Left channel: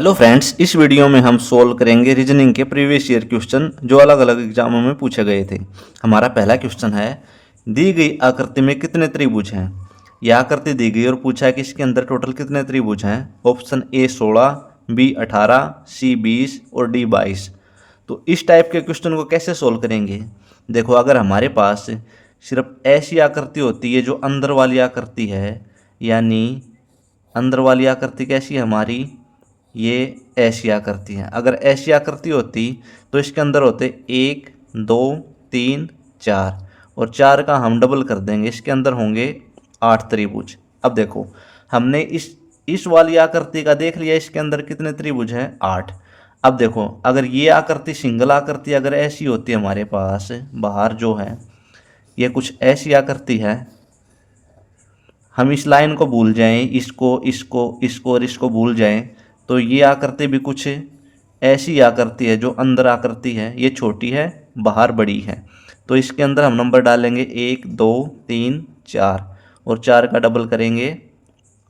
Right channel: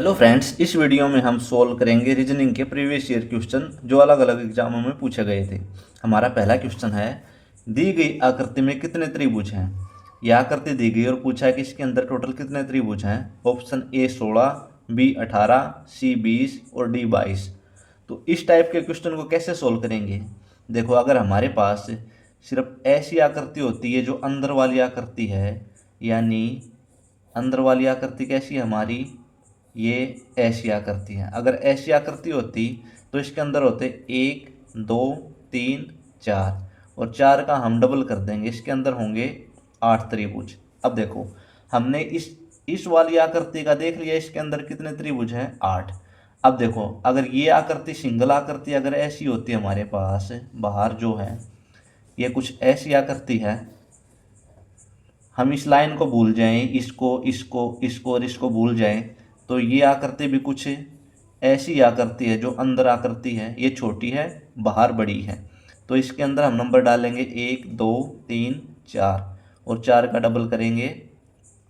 Hello friends, इस video में हम सोल्व करेंगे रीजनिंग के प्रीवियस ईयर क्वेश्चन जो अलग अलग एग्जामों में पूछे गए थे। हमारा पहला क्वेश्चन है, दी गई आकृति में कितने त्रिभुज हैं। यह आकृति दी गई और पूछा है कि इसके अंदर टोटल कितने त्रिभुज हैं। ऑप्शन ए 16, बी 18, सी 20 और डी 22। तो इस टाइप के क्वेश्चन को कैसे सोल्व करेंगे। देखो, अगर हमारे पास सिर्फ ऐसी आकृति होती है जो अंदर वाली आकृति है, यानी अंदर वाली आकृति कैसी है हमारी, ये ऐसी आकृति है। अगर ऐसी आकृति होती तो इसके अंदर होते 1 2 3 4, और 4 का हम डबल कर देंगे, इसके अंदर होंगे 8 त्रिभुज। अब देखो, हमने इस वाली आकृति का देख लिया, इसके अंदर कितने त्रिभुज हैं, 8। अब देखो, अगर ये आकृति सिंगल आकृति अगर ऐसी होती है हमारे पास, बाहर जो है ये कुछ ऐसी आकृति है, हम इस लाइन को भूल जाएं, इसको इसको इसको और इसको भूल जाएं, तो ये आकृति भी कुछ ऐसी आकृति है जो अंदर आकृति है, ये छोटी है बाहर बड़ी है। तो इसके अंदर हम नंबर डालेंगे 1 2 3 4, और 4 का डबल करेंगे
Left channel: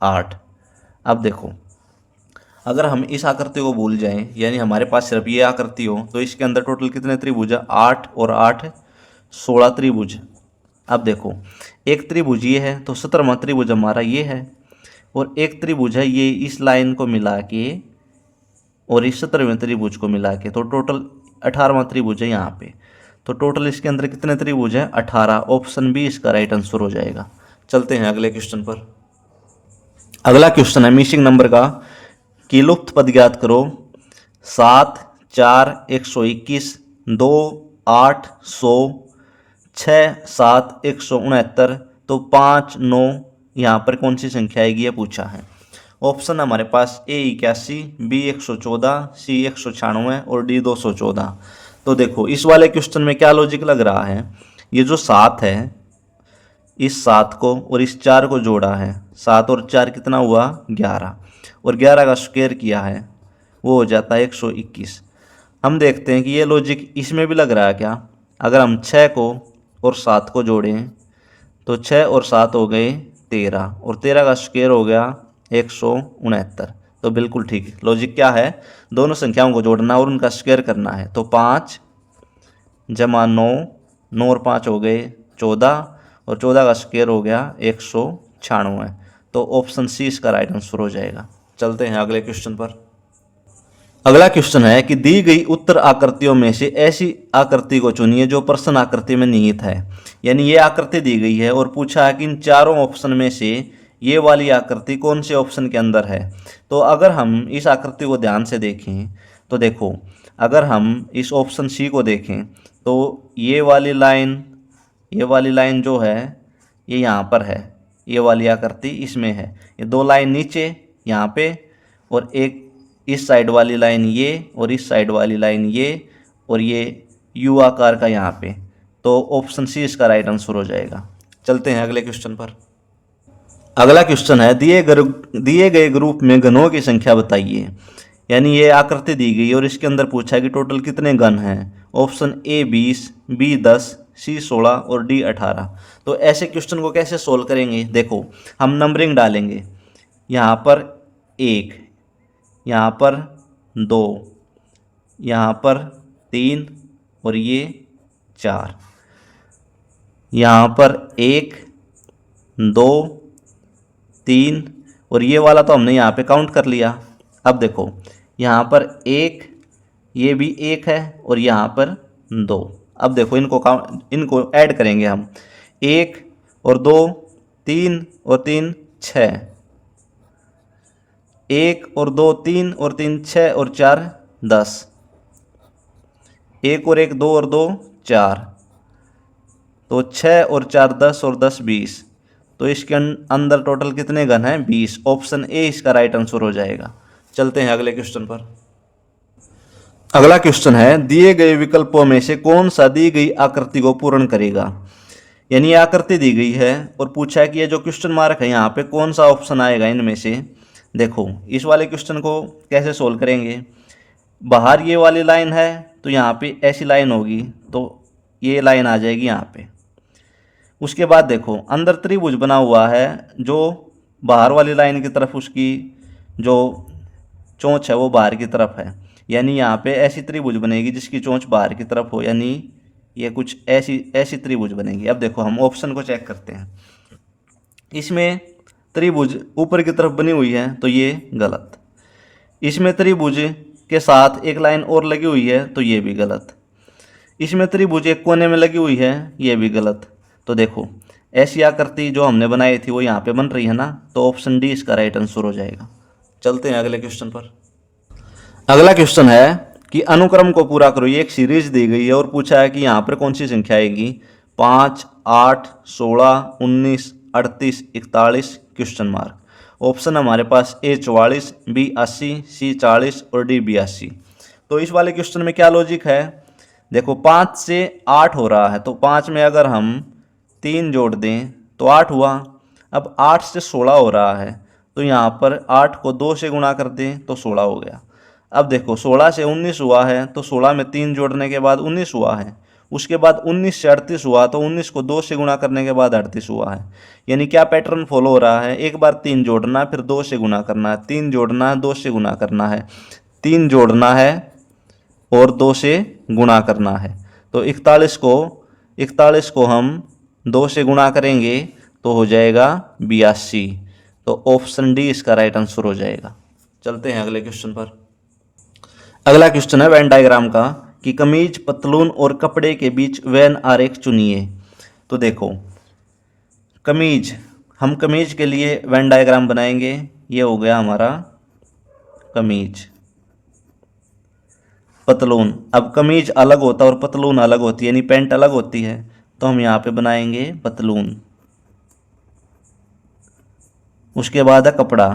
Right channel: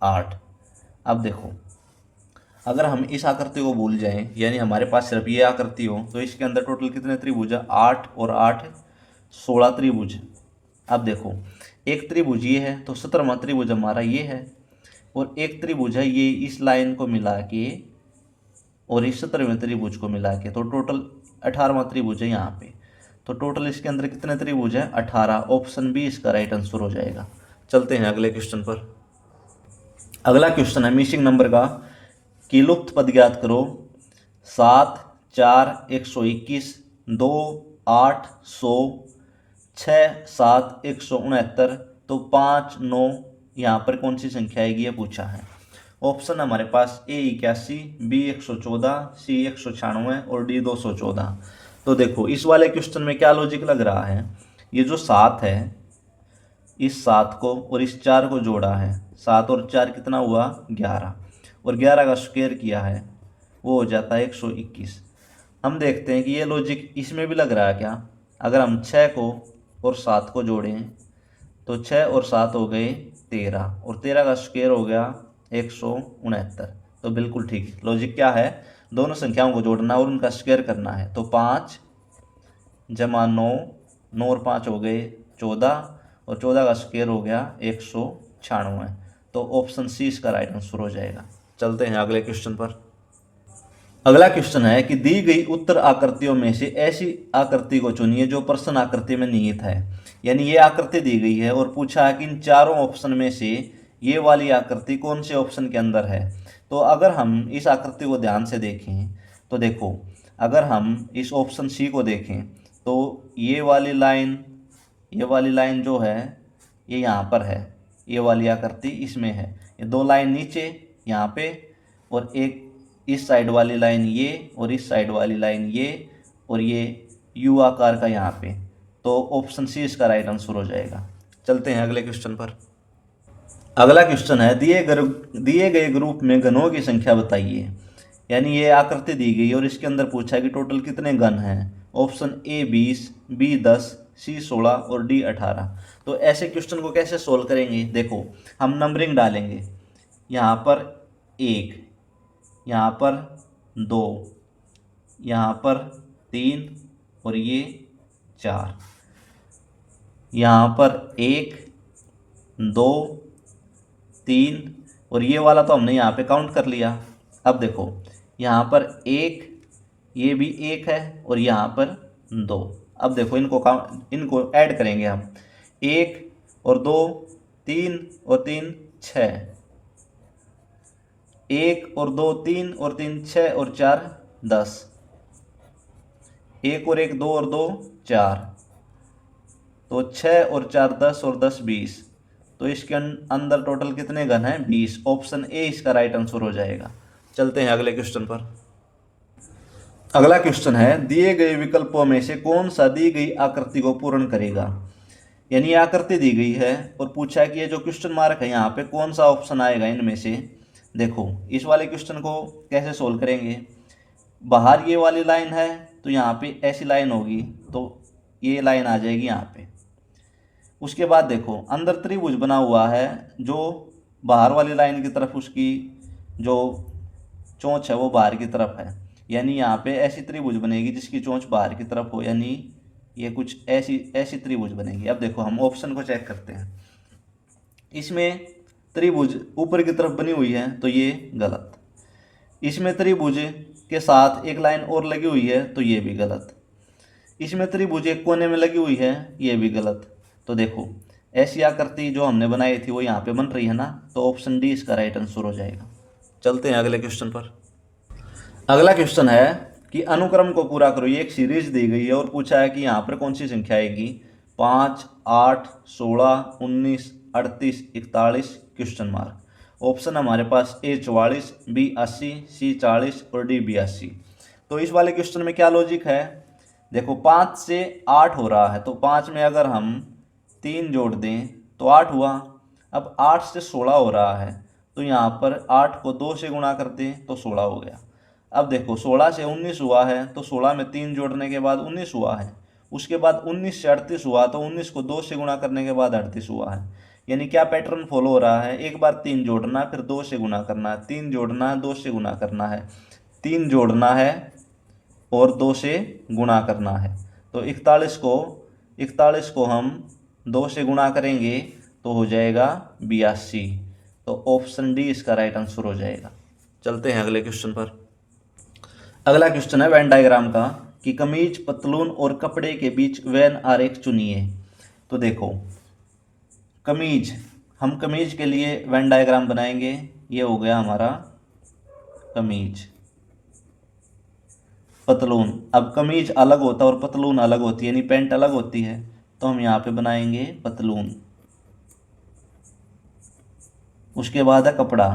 8। अब देखो, अगर हम इस आकृति को भूल जाएं, यानी हमारे पास सिर्फ ये आकृति हो, तो इसके अंदर टोटल कितने त्रिभुज है, 8 और 8 16 त्रिभुज। अब देखो, एक त्रिभुज ये है तो 17वां त्रिभुज हमारा ये है, और एक त्रिभुज है ये इस लाइन को मिला के और इस 17वें त्रिभुज को मिला के, तो टोटल 18वां त्रिभुज है यहाँ पे। तो टोटल इसके अंदर कितने त्रिभुज है, 18। ऑप्शन बी इसका राइट आंसर हो जाएगा। चलते हैं अगले क्वेश्चन पर। अगला क्वेश्चन है मिसिंग नंबर का, कि लुप्त पद ज्ञात करो। 7 4 121, 2 8 100, 6 7 169, तो 5 9 यहाँ पर कौन सी संख्या आएगी, ये पूछा है। ऑप्शन हमारे पास ए 81, बी 114, सी 196 और डी 214। तो देखो, इस वाले क्वेश्चन में क्या लॉजिक लग रहा है, ये जो 7 है, इस 7 को और इस 4 को जोड़ा है, 7 और 4 कितना हुआ, 11, और 11 का स्क्वायर किया है, वो हो जाता है 121। हम देखते हैं कि ये लॉजिक इसमें भी लग रहा है क्या। अगर हम 6 को और 7 को जोड़ें तो 6 और 7 हो गए 13, और 13 का स्क्वायर हो गया 169। तो बिल्कुल ठीक, लॉजिक क्या है, दोनों संख्याओं को जोड़ना और उनका स्क्वायर करना है। तो 5 जमा 9, 9 और 5 हो गए 14, और 14 का स्क्वायर हो गया 196। तो ऑप्शन सी इसका राइट आंसर हो जाएगा। चलते हैं अगले क्वेश्चन पर। अगला क्वेश्चन है कि दी गई उत्तर आकृतियों में से ऐसी आकृति को चुनिए जो प्रश्न आकृति में निहित है। यानी ये आकृति दी गई है और पूछा है कि इन चारों ऑप्शन में से ये वाली आकृति कौन से ऑप्शन के अंदर है। तो अगर हम इस आकृति को ध्यान से देखें तो देखो, अगर हम इस ऑप्शन सी को देखें तो ये वाली लाइन जो है ये यहाँ पर है, ये वाली आकृति इसमें है। ये दो लाइन नीचे यहाँ पे, और एक इस साइड वाली लाइन ये, और इस साइड वाली लाइन ये, और ये यू आकार का यहाँ पे। तो ऑप्शन सी इसका राइट आंसर हो जाएगा। चलते हैं अगले क्वेश्चन पर। अगला क्वेश्चन है, दिए गए ग्रुप में घनों की संख्या बताइए। यानी ये आकृति दी गई और इसके अंदर पूछा है कि टोटल कितने घन हैं। ऑप्शन ए 20, बी 10, सी 16 और डी 18। तो ऐसे क्वेश्चन को कैसे सोल्व करेंगे, देखो हम नंबरिंग डालेंगे। यहाँ पर 1, यहाँ पर 2, यहाँ पर 3 और ये 4, यहाँ पर 1 2 3, और ये वाला तो हमने यहाँ पे काउंट कर लिया। अब देखो, यहाँ पर 1, ये भी 1 है, और यहाँ पर 2। अब देखो, इनको ऐड करेंगे हम, 1 और 2 3 और 3 6, 1 और 2 3 और 3 6 और 4 10, 1 और 1 2 और 2 4, तो 6 और 4 10 और 10 20। तो इसके अंदर टोटल कितने घन हैं, 20। ऑप्शन ए इसका राइट आंसर हो जाएगा। चलते हैं अगले क्वेश्चन पर। अगला क्वेश्चन है, दिए गए विकल्पों में से कौन सा दी गई आकृति को पूर्ण करेगा। यानी ये आकृति दी गई है और पूछा है कि ये जो क्वेश्चन मार्क है यहाँ पे कौन सा ऑप्शन आएगा इनमें से। देखो, इस वाले क्वेश्चन को कैसे सोल्व करेंगे। बाहर ये वाली लाइन है तो यहाँ पे ऐसी लाइन होगी, तो ये लाइन आ जाएगी यहाँ पे। उसके बाद देखो, अंदर त्रिभुज बना हुआ है जो बाहर वाली लाइन की तरफ उसकी जो चोंच है वो बाहर की तरफ है, यानी यहाँ पे ऐसी त्रिभुज बनेगी जिसकी चोंच बाहर की तरफ हो, यानी ये कुछ ऐसी ऐसी त्रिभुज बनेगी। अब देखो हम ऑप्शन को चेक करते हैं। इसमें त्रिभुज ऊपर की तरफ बनी हुई है तो ये गलत। इसमें त्रिभुज के साथ एक लाइन और लगी हुई है तो ये भी गलत। इसमें त्रिभुज एक कोने में लगी हुई है, ये भी गलत। तो देखो ऐसी आकृति जो हमने बनाई थी वो यहाँ पे बन रही है ना, तो ऑप्शन डी इसका राइट आंसर हो जाएगा। चलते हैं अगले क्वेश्चन पर। अगला क्वेश्चन है कि अनुक्रम को पूरा करो। ये एक सीरीज दी गई है और पूछा है कि यहाँ पर कौन सी संख्या आएगी। 5, 8, 16, 19, 38, 41 क्वेश्चन मार्क। ऑप्शन हमारे पास ए 44, बी 80, सी 40 और डी 82। तो इस वाले क्वेश्चन में क्या लॉजिक है, देखो 5 से 8 हो रहा है तो 5 में अगर हम 3 जोड़ दें तो 8 हुआ। अब 8 से 16 हो रहा है तो यहाँ पर 8 को 2 से गुणा कर दें तो 16 हो गया। अब देखो 16 से 19 हुआ है तो 16 में 3 जोड़ने के बाद 19 हुआ है। उसके बाद 19 से 38 हुआ तो 19 को 2 से गुणा करने के बाद 38 हुआ है। यानी क्या पैटर्न फॉलो हो रहा है, एक बार 3 जोड़ना फिर 2 से गुणा करना है, 3 जोड़ना है 2 से गुणा करना है, 3 जोड़ना है और 2 से गुणा करना है। तो 41 को हम 2 से गुणा करेंगे तो हो जाएगा 82। तो ऑप्शन डी इसका राइट आंसर हो जाएगा। चलते हैं अगले क्वेश्चन पर। अगला क्वेश्चन है वेन डायग्राम का कि कमीज, पतलून और कपड़े के बीच वेन आरेख चुनिए। तो देखो कमीज, हम कमीज के लिए वेन डायग्राम बनाएंगे। ये हो गया हमारा कमीज। पतलून, अब कमीज अलग होता है और पतलून अलग होती है, यानी पैंट अलग होती है, तो हम यहाँ पे बनाएंगे पतलून। उसके बाद है कपड़ा।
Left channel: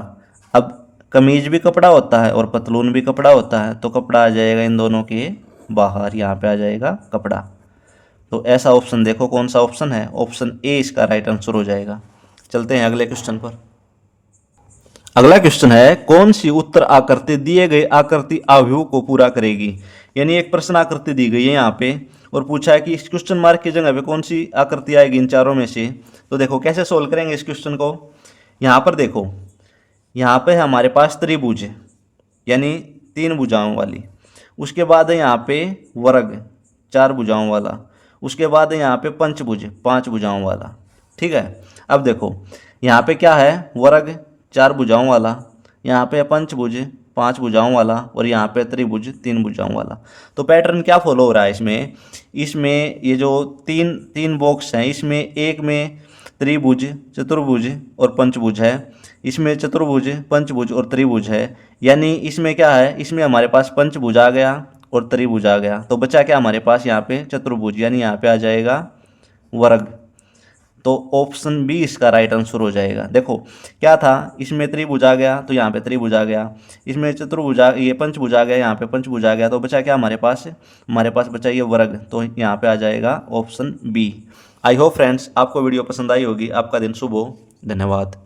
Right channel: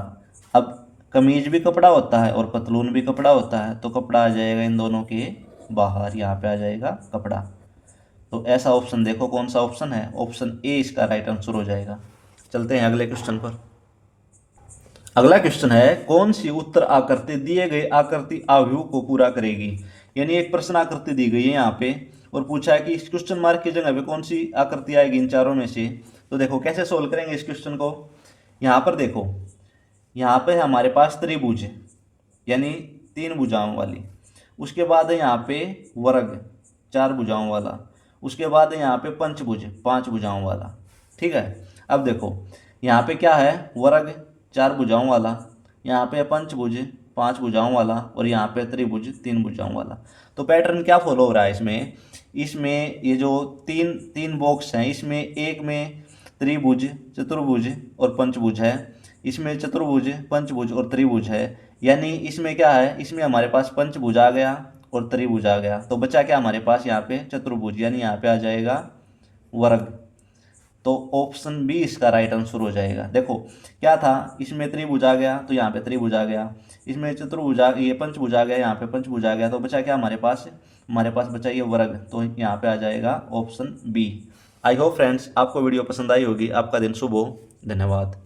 अब कमीज भी कपड़ा होता है और पतलून भी कपड़ा होता है, तो कपड़ा आ जाएगा इन दोनों के बाहर, यहाँ पे आ जाएगा कपड़ा। तो ऐसा ऑप्शन देखो कौन सा ऑप्शन है, ऑप्शन ए इसका राइट आंसर हो जाएगा। चलते हैं अगले क्वेश्चन पर। अगला क्वेश्चन है कौन सी उत्तर आकृति दिए गए आकृति आव्यूह को पूरा करेगी। यानी एक प्रश्न आकृति दी गई है यहाँ पे और पूछा है कि इस क्वेश्चन मार्क की जगह पे कौन सी आकृति आएगी इन चारों में से। तो देखो कैसे सोल्व करेंगे इस क्वेश्चन को। यहाँ पर देखो, यहाँ पे हमारे पास त्रिभुज यानी 3 भुजाओं वाली, उसके बाद है यहाँ पे वर्ग 4 भुजाओं वाला, उसके बाद है यहाँ पे पंचभुज 5 भुजाओं वाला। ठीक है, अब देखो यहाँ पे क्या है, वर्ग 4 भुजाओं वाला, यहाँ पे पंचभुज 5 भुजाओं वाला और यहाँ पे त्रिभुज 3 भुजाओं वाला। तो पैटर्न क्या फॉलो हो रहा है इसमें ये जो तीन बॉक्स हैं, इसमें एक में त्रिभुज, चतुर्भुज और पंचभुज है, इसमें चतुर्भुज, पंचभुज और त्रिभुज है। यानी इसमें क्या है, इसमें हमारे पास पंचभुज आ गया और त्रिभुज आ गया, तो बचा क्या हमारे पास यहाँ पे चतुर्भुज, यानी यहाँ पे आ जाएगा वर्ग। तो ऑप्शन बी इसका राइट आंसर हो जाएगा। देखो क्या था, इसमें त्रिभुज आ गया तो यहाँ पे त्रिभुज आ गया, इसमें चतुर्भुज आ, ये पंचभुज आ गया, यहाँ पे पंचभुज आ गया, तो बचा क्या हमारे पास बचा ये वर्ग, तो यहाँ पे आ जाएगा option B. I hope friends आपको वीडियो पसंद आई होगी। आपका दिन शुभ हो। धन्यवाद।